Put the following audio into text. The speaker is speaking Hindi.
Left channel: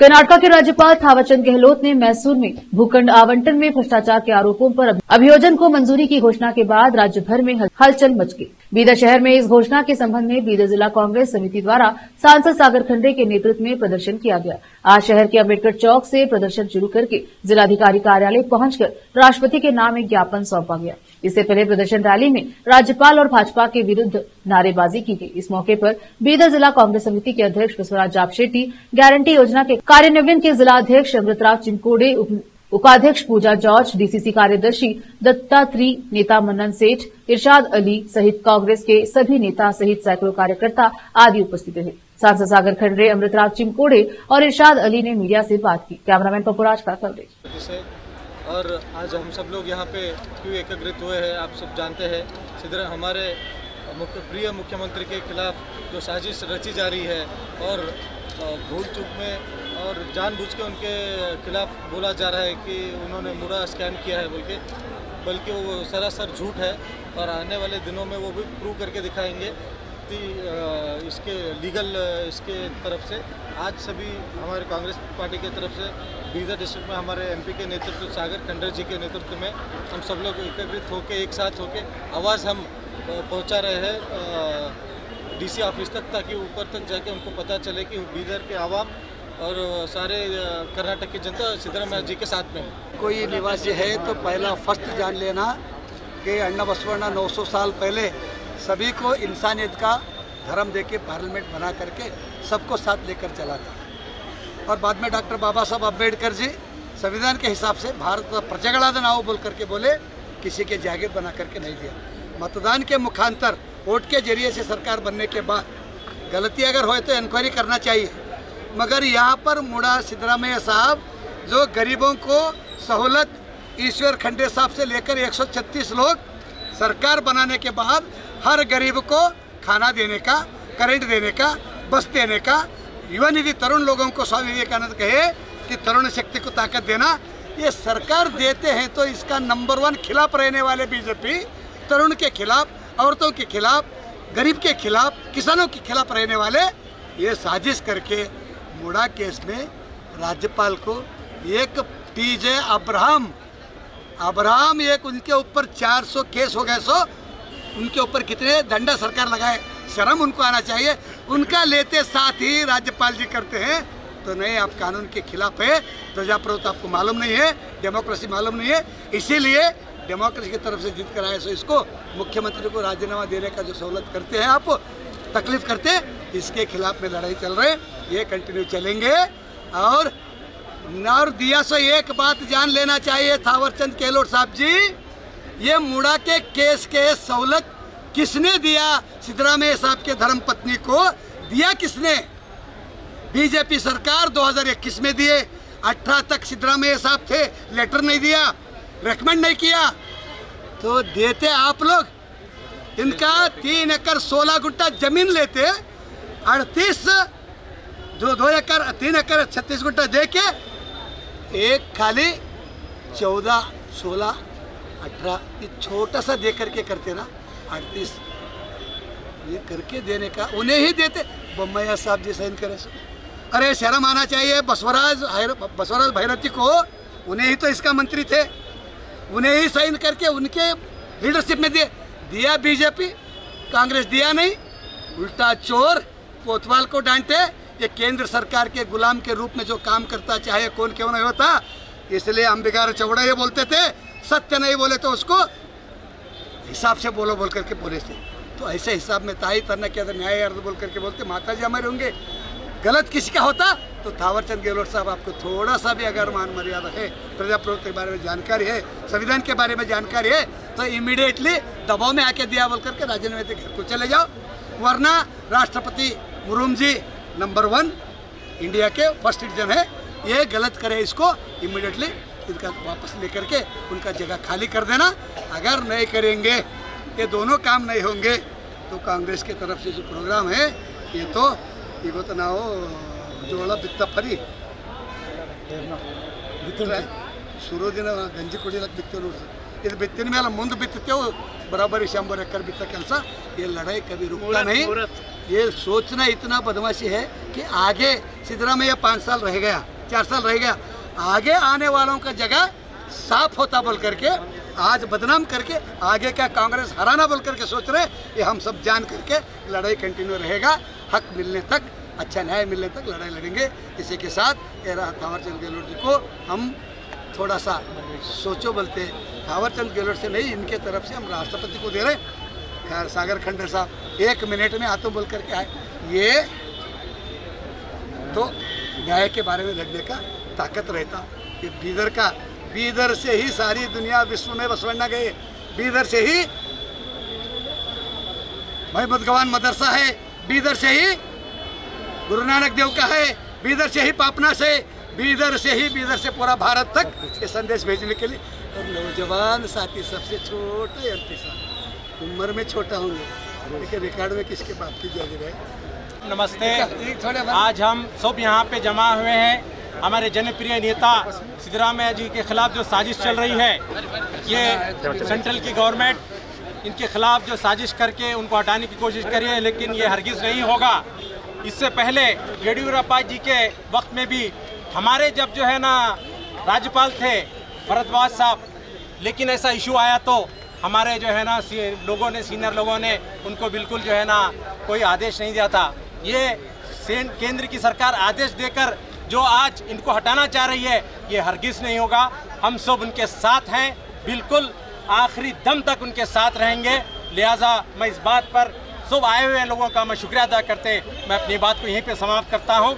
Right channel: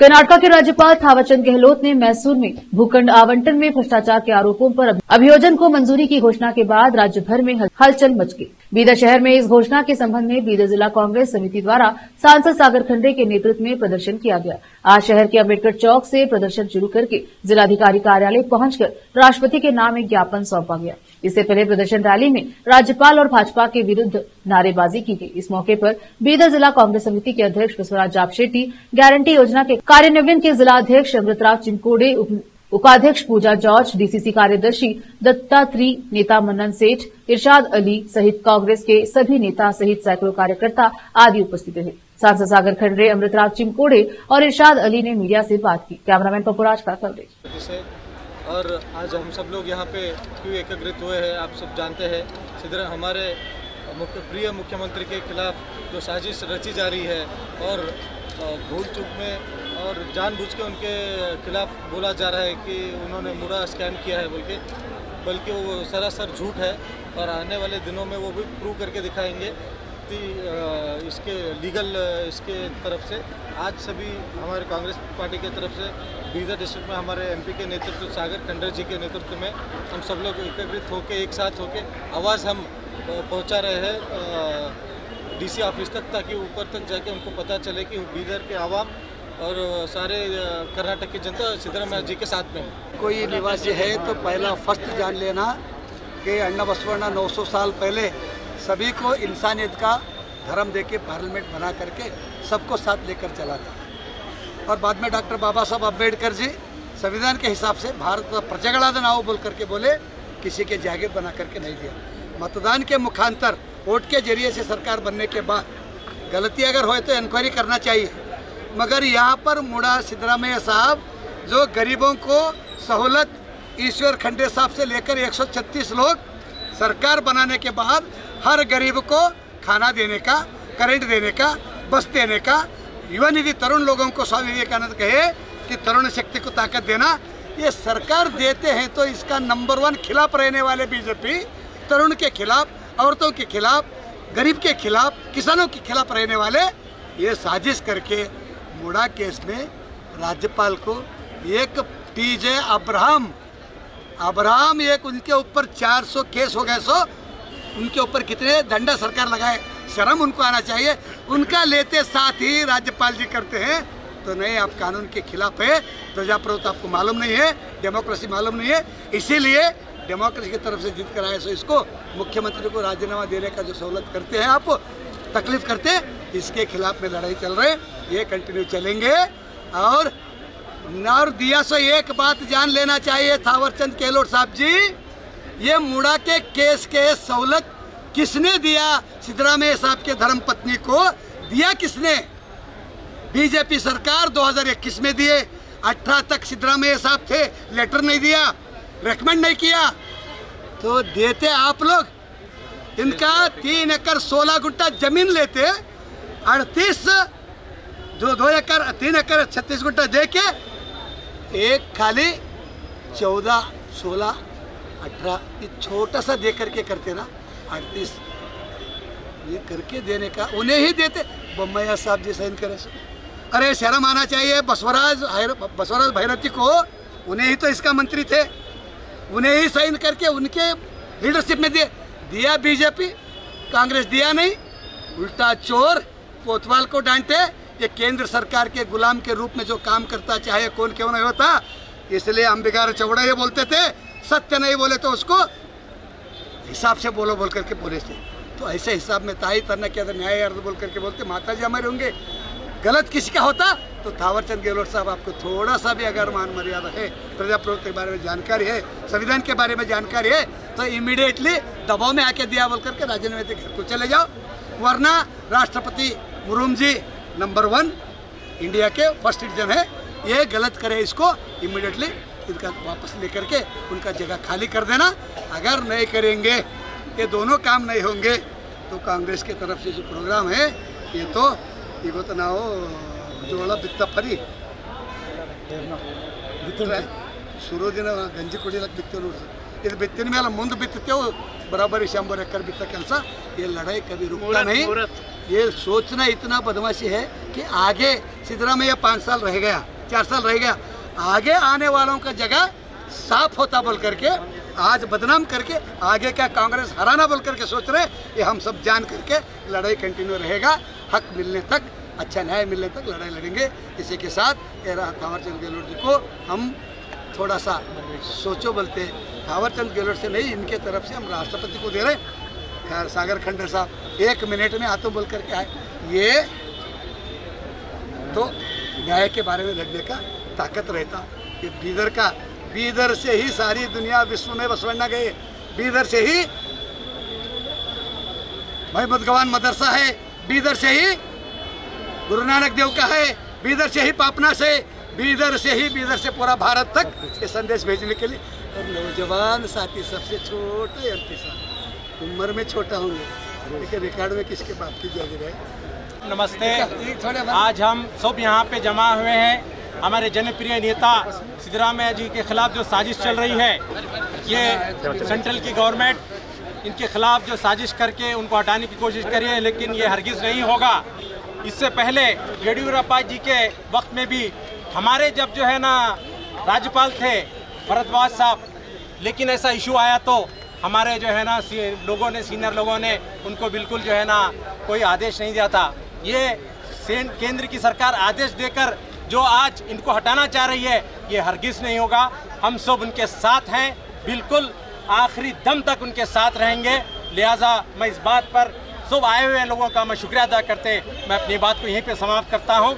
कर्नाटक के राज्यपाल थावरचंद गहलोत ने मैसूर में भूखंड आवंटन में भ्रष्टाचार के आरोपों पर अभियोजन को मंजूरी की घोषणा के बाद राज्य भर में हलचल मच गई। बीदर शहर में इस घोषणा के संबंध में बीदर जिला कांग्रेस समिति द्वारा सांसद सागर खंडे के नेतृत्व में प्रदर्शन किया गया। आज शहर के अम्बेडकर चौक से प्रदर्शन शुरू करके जिलाधिकारी कार्यालय पहुंचकर राष्ट्रपति के नाम एक ज्ञापन सौंपा गया। इससे पहले प्रदर्शन रैली में राज्यपाल और भाजपा के विरुद्ध नारेबाजी की गई। इस मौके पर बीदर जिला कांग्रेस समिति के अध्यक्ष बसवराज जापशेट्टी, गारंटी योजना के कार्यान्वयन के जिलाध्यक्ष अमृतराव चिमकोड़े, उपाध्यक्ष पूजा जॉर्ज, डीसीसी कार्यदर्शी दत्तात्री, नेता मन्नन सेठ, इरशाद अली सहित कांग्रेस के सभी नेता सहित सैकड़ों कार्यकर्ता आदि उपस्थित रहे। सांसद सागर खंडे, अमृतराव चिमकोड़े और इरशाद अली ने मीडिया से बात की। कैमरामैन पपुराज का कवरेज। और आज हम सब लोग यहाँ पे क्यों एकत्रित हुए हैं, आप सब जानते हैं। हमारे प्रिय मुख्यमंत्री के खिलाफ जो साजिश रची जा रही है और भूल चूक में और जानबूझ के उनके खिलाफ बोला जा रहा है कि उन्होंने मुड़ा स्कैम किया है बल्कि वो सरासर झूठ है। और आने वाले दिनों में वो भी प्रूव करके दिखाएंगे कि इसके लीगल इसके तरफ से आज सभी हमारे कांग्रेस पार्टी की तरफ से बीदर डिस्ट्रिक्ट में हमारे एमपी के नेतृत्व सागर खंडे जी के नेतृत्व में हम सब लोग एकत्रित होकर एक साथ होकर आवाज़ हम पहुंचा रहे हैं डीसी ऑफिस तक, ताकि ऊपर तक जाके उनको पता चले कि बीदर के आवाम और सारे कर्नाटक की जनता सिद्धरामैया जी के साथ में है। कोई निवासी है तो पहला फर्स्ट जान लेना कि अण्णा बसवण्णा 900 साल पहले सभी को इंसानियत का धर्म देके पार्लियामेंट बना करके सबको साथ लेकर चला था। और बाद में डॉक्टर बाबा साहब अम्बेडकर जी संविधान के हिसाब से भारत प्रजागणाद नाव बोल करके बोले, किसी के जागीर बना करके नहीं दिया। मतदान के मुखांतर वोट के जरिए से सरकार बनने के बाद गलती अगर हो तो इंक्वायरी करना चाहिए। मगर यहाँ पर मुड़ा सिद्धरामैया साहब जो गरीबों को सहूलत ईश्वर खंडे साहब से लेकर 136 लोग सरकार बनाने के बाद हर गरीब को खाना देने का, करंट देने का, बस देने का, युवा निधि तरुण लोगों को स्वामी विवेकानंद कहे कि तरुण शक्ति को ताकत देना, ये सरकार देते हैं। तो इसका नंबर 1 खिलाफ रहने वाले बीजेपी तरुण के खिलाफ, औरतों के खिलाफ, गरीब के खिलाफ, किसानों के खिलाफ रहने वाले ये साजिश करके मुड़ा केस में राज्यपाल को एक टीजे अब्राहम एक उनके ऊपर 400 केस हो गए। सो उनके ऊपर कितने दंडा सरकार लगाए, शर्म उनको आना चाहिए। उनका लेते साथ ही राज्यपाल जी करते हैं तो नहीं, आप कानून के खिलाफ है। प्रजाप्रभुत्व आपको मालूम नहीं है, डेमोक्रेसी मालूम नहीं है, इसीलिए डेमोक्रेसी की तरफ से जीत कर आए। सो इसको मुख्यमंत्री को राजीनामा देने का जो सहूलत करते हैं, आप तकलीफ करते हैं, इसके खिलाफ में लड़ाई चल रहे, ये कंटिन्यू चलेंगे। और दिया सो एक बात जान लेना चाहिए थावरचंद गहलोत साहब जी, ये मुड़ा के केस के सहूलत किसने दिया? सिद्धरामैया साहब के धर्मपत्नी को दिया किसने? बीजेपी सरकार 2021 में दिए। 18 तक सिद्धरामैया साहब थे, लेटर नहीं दिया, रेकमेंड नहीं किया, तो देते आप लोग। इनका 3 एकड़ 16 गुंठा जमीन लेते, 38 जो 2 एकड़ 3 एकड़ 36 गुंठा दे के एक खाली 14, 16, 18 ये छोटा सा दे करके करते ना, 38 ये करके देने का उन्हें ही देते। बोम्मैया साहब जी साइन करे। अरे शर्म आना चाहिए बसवराज भैरती को, उन्हें ही तो इसका मंत्री थे, उन्हें ही साइन करके उनके लीडरशिप में दिया बीजेपी, कांग्रेस दिया नहीं। उल्टा चोर कोतवाल को डांटे, ये केंद्र सरकार के गुलाम के रूप में जो काम करता, चाहे कौन क्यों नहीं होता। इसलिए अंबिकार चौड़ा ये बोलते थे, सत्य नहीं बोले तो उसको हिसाब से बोलो बोल करके बोले थे। तो ऐसे हिसाब में ताई तरना के अंदर न्याय अर्थ बोल करके बोलते, माता जी हमारे होंगे। गलत किसी का होता तो थावरचंद गहलोत साहब आपको थोड़ा सा भी अगर मान मर्यादा है, प्रजाप्रभुत्व के बारे में जानकारी है, संविधान के बारे में जानकारी है, तो इमीडिएटली दबाव में आके दिया बोल करके राजीनामे दे घर को चले जाओ। वरना राष्ट्रपति मुर्मू जी नंबर 1 इंडिया के फर्स्ट सिटीजन है, ये गलत करे इसको इमीडिएटली इनका वापस लेकर के उनका जगह खाली कर देना। अगर नहीं करेंगे, ये दोनों काम नहीं होंगे, तो कांग्रेस की तरफ से जो प्रोग्राम है ये तो ಇವತ್ತು ನಾವು ಜೋಳ ಬಿತ್ತಪ್ಪರಿ ಶುರು ದಿನ ಗಂಜಿ ಕುಡಿಲಕ್ಕೆ ಬಿತ್ತೇವೆ ನೋಡ್ರಿ। ಇದು ಬಿತ್ತಿನ ಮೇಲೆ ಮುಂದೆ ಬಿತ್ತತೆವು बराबर शंबर एकड़ बित्ता ಕೆಲಸ ये लड़ाई कभी रुकता नहीं। ये सोचना इतना बदमाशी है कि आगे सिद्धरामैया 5 साल रह गया, 4 साल रह गया, आगे आने वालों का जगह साफ होता बोल करके आज बदनाम करके आगे क्या कांग्रेस हराना बोल करके सोच रहे। ये हम सब जान करके लड़ाई कंटिन्यू रहेगा, हक मिलने तक, अच्छा न्याय मिलने तक लड़ाई लड़ेंगे। इसी के साथ थावरचंद गहलोत जी को हम थोड़ा सा सोचो बोलते, थावरचंद गहलोत से नहीं, इनके तरफ से हम राष्ट्रपति को दे रहे। खैर सागर खंडर साहब 1 मिनट में आतो बोल करके आए, ये तो न्याय के बारे में लड़ने का ताकत रहता। ये बीदर से ही सारी दुनिया विश्व में बसवन्ना गए, बीदर से ही महमूद गवान मदरसा है, बीदर से ही गुरु नानक देव का है, बीदर से ही पापना से, बीदर से पूरा भारत तक ये संदेश भेजने के लिए। और नौजवान साथी सबसे छोटे एमपी साहब, उम्र में छोटा होंगे लेकिन रिकॉर्ड में किसके बाप की जागीर है। नमस्ते, आज हम सब यहाँ पे जमा हुए हैं। हमारे जनप्रिय नेता सिद्धरामैया जी के खिलाफ जो साजिश चल रही है, ये सेंट्रल की गवर्नमेंट इनके खिलाफ जो साजिश करके उनको हटाने की कोशिश कर रही है, लेकिन ये हरगिज़ नहीं होगा। इससे पहले येडियुरप्पा जी के वक्त में भी हमारे जब जो है ना राज्यपाल थे भरद्वाज साहब, लेकिन ऐसा इशू आया तो हमारे जो है ना लोगों ने, सीनियर लोगों ने उनको बिल्कुल जो है ना कोई आदेश नहीं दिया था। ये केंद्र की सरकार आदेश देकर जो आज इनको हटाना चाह रही है, ये हरगिज़ नहीं होगा। हम सब उनके साथ हैं, बिल्कुल आखिरी दम तक उनके साथ रहेंगे। लिहाजा मैं इस बात पर सब आए हुए लोगों का मैं शुक्रिया अदा करते मैं अपनी बात को यहीं पे समाप्त करता हूँ।